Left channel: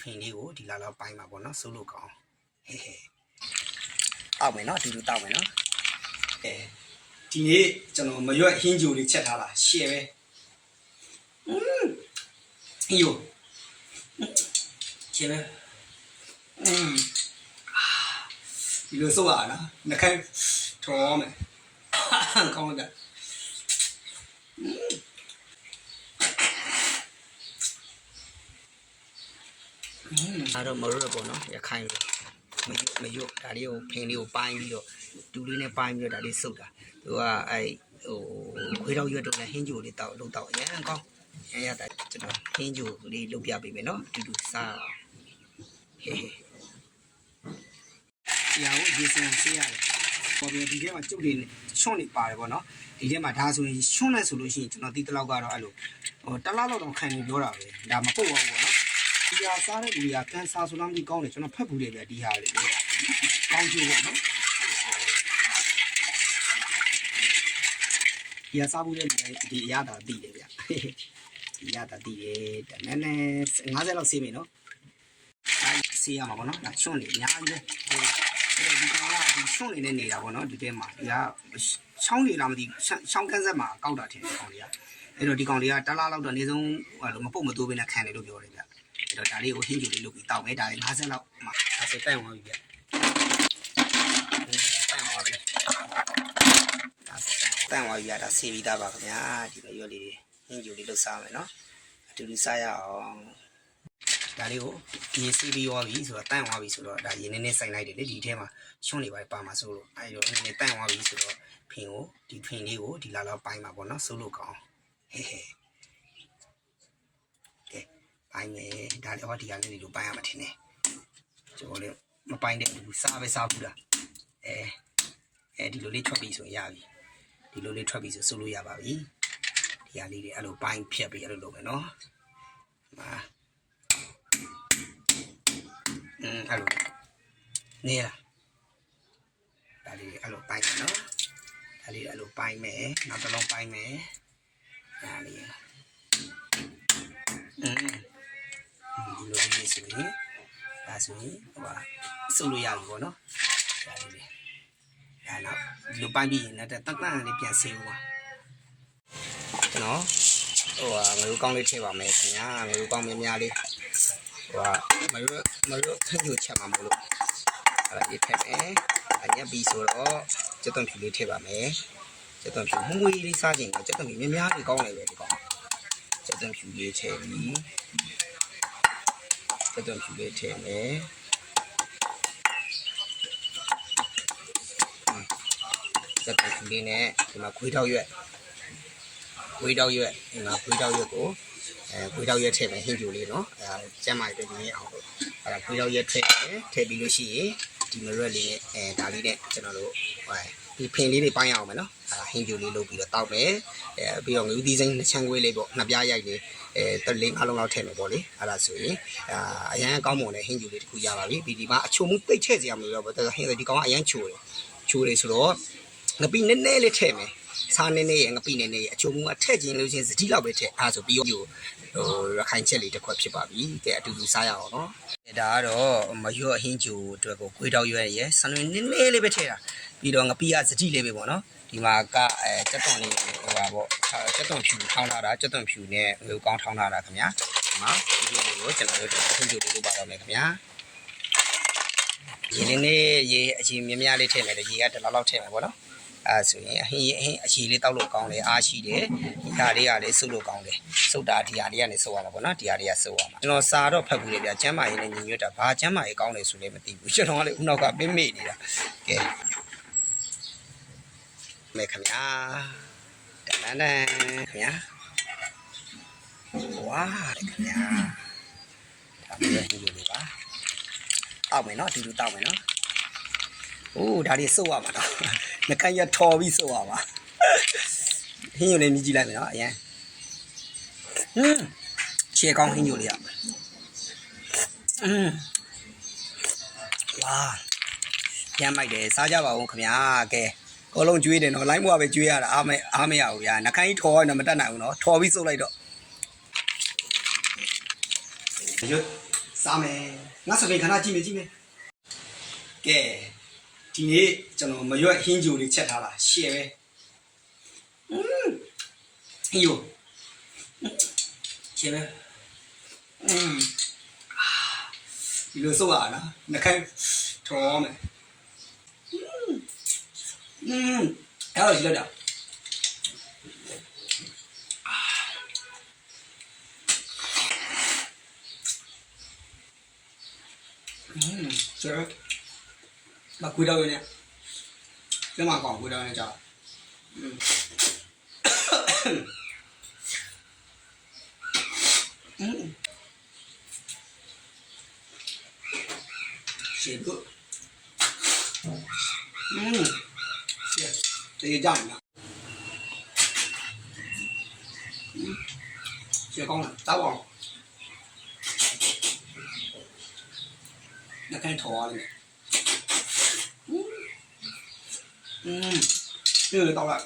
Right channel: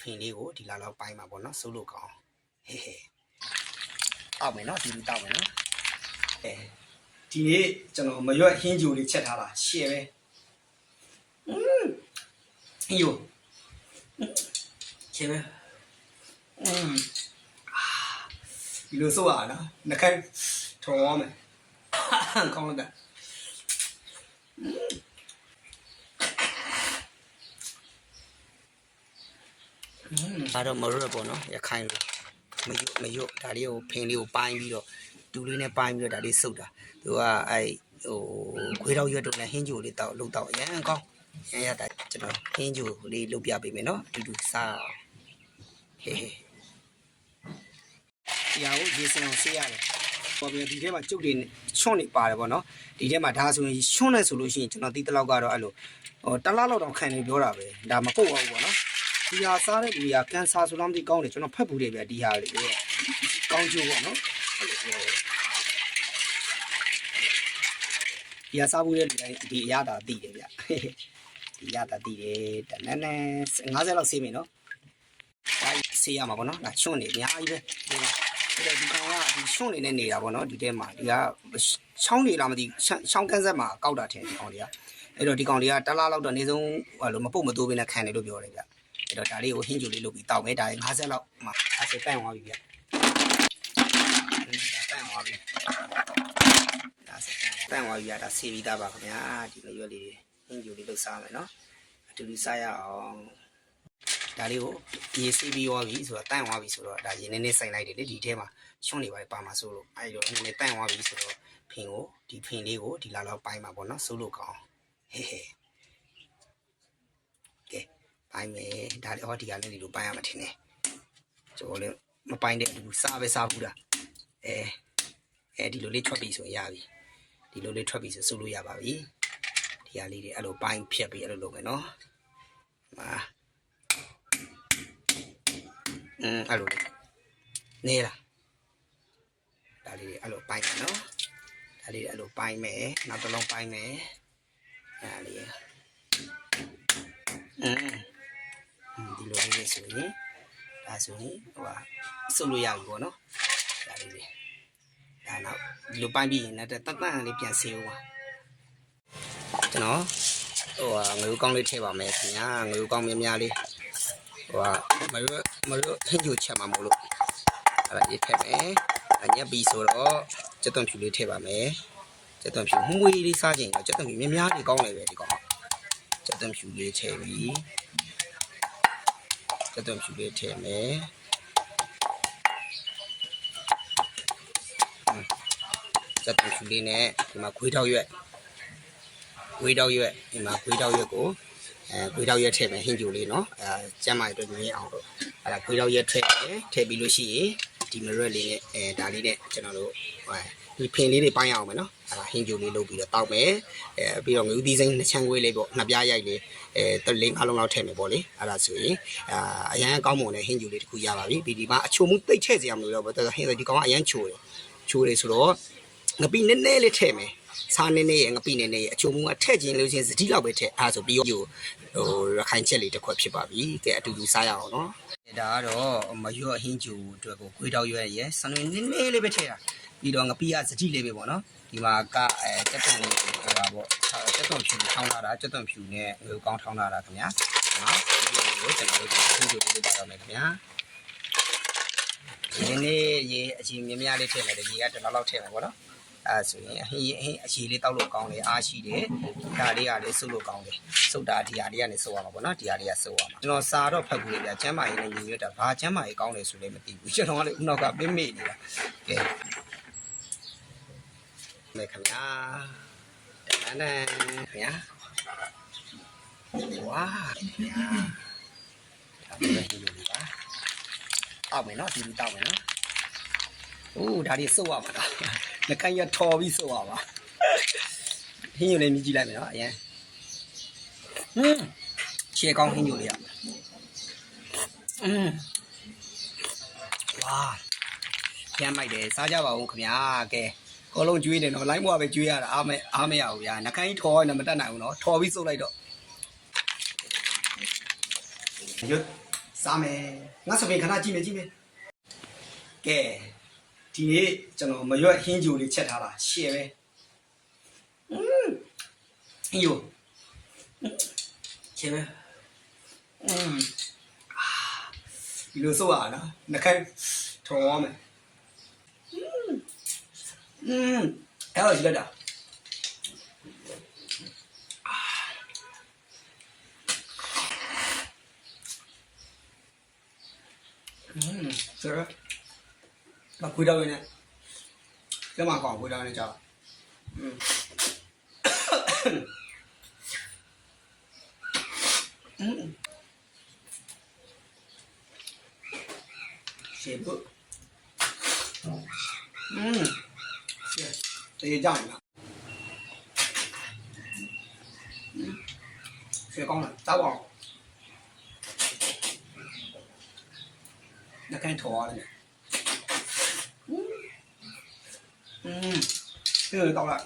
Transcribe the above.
ဖင်လေးကိုဒီလာလောက်ပိုင်းမှာပေါ့နော်စိုးလို့ကောင်းဟဲဟဲတောက်မယ်နော်အတူတူတောက်မယ်နော်အဲဒီနေ့ကျွန်တော်မရွက်ဟင်းဂျူလေးချက်ထားတာရှယ်ပဲอืมဟင်းဂျူရှယ်ပဲอืมဒီလိုစိုးရတာနော်နှခိုင်းထော်မယ်ကောင်းလိုက်တာอืม ဒါတော့မရွက်ပေါ့နော်ရခိုင်လိုမရွတ်မရွတ်ဒါလေးကိုဖင်လေးကိုပိုင်းပြီးတော့တူလေးနဲ့ပိုင်းပြီးတော့ဒါလေးစုပ်တာသူကအဲဟိုခွေးတော့ရွက်တော့နဲ့ဟင်းဂျူလေးတောက်လုတ်တောက်အရင်ကောင်းရရတာကျွန်တော်ဟင်းဂျူလေးလုတ်ပြပေးမယ်နော်အတူတူစားဟေးဟေးဒီဟာကိုဒီစံအောင်ဆေးရတယ်ပေါ်ပြီးဒီထဲမှာကျုပ်တွေချွန့်နေပါတယ်ပေါ့နော်ဒီထဲမှာဒါဆိုရင်ချွန့်နေဆိုလို့ရှိရင်ကျွန်တော်ဒီတလောက်ကတော့အဲ့လိုဟိုတလားလောက်တော့ခံနေပြောတာပဲဒါမပုတ်ပါဘူးပေါ့နော် ဒီဟာစားတဲ့လူတွေကကန်ဆာဆိုလားမသိကောင်းတယ်ကျွန်တော်ဖတ်ဘူးတယ်ဗျဒီဟာလေးကောင်းကျိုးပေါ့နော်အဲ့လိုပြောတယ်ဒီဟာစားဘူးတဲ့လူတိုင်းဒီအရသာသိတယ်ဗျဒီအရသာသိတယ်တနည်းနည်း50လောက်ဆေးမယ်နော်ဒါဆေးရမှာပေါ့နော်ဒါချွန့်နေအများကြီးပဲဒီကအဲ့တော့ဒီကောင်ကဒီချွန့်နေနဲ့နေတာပေါ့နော်ဒီထဲမှာဒီကချောင်းနေလားမသိချောင်းကန်းဆက်မှာကောက်တာထင်ဒီကောင်တွေကအဲ့တော့ဒီကောင်တွေကတလားလောက်တော့အနည်းဆုံးဟိုလိုမပုတ်မတိုးဘဲနဲ့ခံတယ်လို့ပြောတယ်ဗျ အဲ့တော့ဒါလေးကိုဟင်းကျူလေးလုပ်ပြီးတောက်မယ်ဒါ50လောက်မှ50တန့်သွားပြီဗျတန့်သွားပြီဒါစတန့်သွားပြီဗျဒါဆေးပြီးသားပါခင်ဗျာဒီမရွက်လေးဟင်းကျူလေးလုပ်စားမယ်နော်အတူတူစားရအောင်ဒါလေးကိုဒီစီးပြီးသွားပြီဆိုတော့တန့်သွားပြီဆိုတော့ဒါရင်းနေနေဆိုင်လိုက်တယ်လေဒီထဲမှာချွန့်နေပါပါမှာဆိုလို့အဲဒီတော့နည်းနည်းတန့်သွားပြီဆိုတော့ဖင်ကိုဒီဖင်လေးကိုဒီလာလောက်ပိုင်းမှာပေါ့နော်စိုးလို့ကောင်းဟဲ့ဟဲ့ကဲ ပိုင်းမယ်ဒါလည်းဟောဒီကလည်းဒီလိုပိုင်းရမှာထင်တယ်ကျွန်တော်လည်းမပိုင်းတဲ့လူစားပဲစားဘူးလားအဲအဲဒီလိုလေးထွက်ပြီဆိုရင်ရပြီဒီလိုလေးထွက်ပြီဆိုစိုးလို့ရပါပြီဒီဟာလေးတွေအဲ့လိုပိုင်းဖြတ်ပြီးအဲ့လိုလုပ်မယ်နော်ဟာအင်းအဲ့လိုနေလားဒါလေးတွေအဲ့လိုပိုင်းမယ်နော်ဒါလေးတွေအဲ့လိုပိုင်းမယ်နောက်တစ်လုံးပိုင်းမယ်ဒါလေးအင်းဒီလိုလေး ဆိုရင်ဒါဆိုရင်ဟိုဟာစုပ်လို့ရပြီပေါ့နော်ဒါလေးတွေဒါနောက်ဒီလိုပိုင်းပြီးရင်လည်းတတ်တတ်လေးပြန်ဆေးဦးပါကျွန်တော်ဟိုဟာငွေကောင်းလေးထည့်ပါမယ်ခင်ဗျာငွေကောင်းများများလေးဟိုဟာမရွမရွထည့်ကြချက်မှာမလို့အဲ့ဒါရေးထည့်မယ်အညက်ပြီးဆိုတော့စက်သွန်ဖြူလေးထည့်ပါမယ်စက်သွန်ဖြူမှုမွေးလေးစားခြင်းကစက်သွန်ဖြူများများလေးကောင်းတယ်ပဲဒီကောင်စက်သွန်ဖြူလေးထည့်ပြီးစ က်သွန်ဖြူလေးထည့်မယ်စက်သွန်ဖြူလေးနဲ့ဒီမှာခွေးထောက်ရွက်ခွေးထောက်ရွက်ဒီမှာခွေးထောက်ရွက်ကိုအဲခွေးထောက်ရွက်ထည့်မယ်ဟင်းပြိုလေးနော်အဲကျမ်းမာရအတွက်ညင်းအောင်လို့အဲ့ဒါခွေးထောက်ရွက်ထည့်တယ်ထည့်ပြီးလို့ရှိရင်ဒီမရက်လေးနဲ့အဲဒါလေးနဲ့ကျွန်တော်တို့ဟို ဒီဖင်လေးတွေပိုင်းအောင်မယ်နော်အဲဒါဟင်းပြိုလေးလုပ်ပြီးတော့တောက်မယ်အဲပြီးတော့ငူးသီးစိမ်းနှစ်ချမ်းခွေးလေးပေါ့နှစ်ပြားရိုက်လေးအဲတလေးအလုံးလောက်ထည့်မယ်ပေါ့လေအဲ့ဒါဆိုရင်အာအရန်ကောင်းမွန်တဲ့ဟင်းပြိုလေးတစ်ခုရပါပြီဒီဒီမှာအချိုမှုတိတ်ချဲ့စရာမလိုတော့ဘူးဟင်းဒီကောင်ကအရန်ချိုတယ်ချိုတယ်ဆိုတော့ငပိနည်းနည်းလေးထည့်မယ်စားနေနေရငပိနေနေရအချိုမှုကထည့်ခြင်းလို့ချင်းစတိလောက်ပဲထည့်အားဆိုပြီးတော့ဟိုရခိုင်ချက်လေးတစ်ခွက်ဖြစ်ပါပြီကဲအတူတူစားရအောင်နော်ဒါကတော့မရွတ်အဟင်းကျူအတွက်ကိုခွေးတောက်ရွက်ရယ်ဆန်လွင်နည်းနည်းလေးပဲထည့်တာ ပြီးတော့ငပိကစတိလေးပဲပေါ့နော်ဒီမှာကအဲကြက်သွန်လေးဟိုပါပေါ့ကြက်သွန်ဖြူထောင်းလာတာကြက်သွန်ဖြူနဲ့ငွေကောင်းထောင်းလာတာခင်ဗျာဒီမှာဒီလိုကိုကျွန်တော်တို့အဟင်းကျူလေးလုပ်ပါတော့မယ်ခင်ဗျာဒီနေ့ရေအချိန်များများလေးထည့်မယ်လေရေကတလောက်လောက်ထည့်မယ်ပေါ့နော်အဲဆိုရင်အဟင်းအဟင်းအချီလေးတောက်လို့ကောင်းတယ်အားရှိတယ်ဒီဟာလေးကလည်းစုပ်လို့ကောင်းတယ်စုပ်တာဒီဟာလေးကနေစုပ်ရမှာပေါ့နော်ဒီဟာလေးကစုပ်ရမှာကျွန်တော်စာတော့ဖတ်ဘူးလေဗျာကျမ်းမာရေးနဲ့ညီညွတ်တာဘာကျမ်းမာရေးကောင်းတယ်ဆိုလည်းမသိဘူးကျွန်တော်ကလည်းဦးနောက်ကပင်းမေ့နေတာကဲ မေခင်ဗျာတန်တန်ခင်ဗျာဝါခင်ဗျာဒါပဲဒီလိုလေးပါအောက်မယ်နော်ဒီလိုတောက်မယ်နော်အိုးဒါလေးစုပ်ရမှာတော့နှကန်းရထော်ပြီးစုပ်ရပါဟင်းယူလေးမြည်ကြည့်လိုက်မယ်နော်အရင်ဟွန်းခြေကောင်းဟင်းယူလေးရอืมဝါရမ်းမိုက်တယ်စားကြပါဦးခင်ဗျာကဲ ကောလုံးကျွေးတယ်နော်လိုင်းဘွားပဲကျွေးရတာအားမအားမရဘူးဗျာနှကန်းကြီးထော်ရတော့မတတ်နိုင်ဘူးနော်ထော်ပြီးစုပ်လိုက်တော့ရွတ် စားမယ်ငါစပင်ခဏကြည့်မယ်ကြည့်မယ်ကဲဒီနေ့ကျွန်တော်မရွက်ဟင်းဂျိုလေးချက်ထားတာရှယ်ပဲอืมဟင်းဂျိုရှယ်ပဲอืมဒီလိုစိုးရတာနှခိုင်းထော်မယ် Mm, that was good. Mm, sure. Mà quy đâu nè Cái mà còn quỳ đâu này chào mm. mm. Shit, good. တေးကြပြီလားကျေကောင်းလားတောက်အောင်နှကန်ထော်ရတယ်อืมเออตอกละ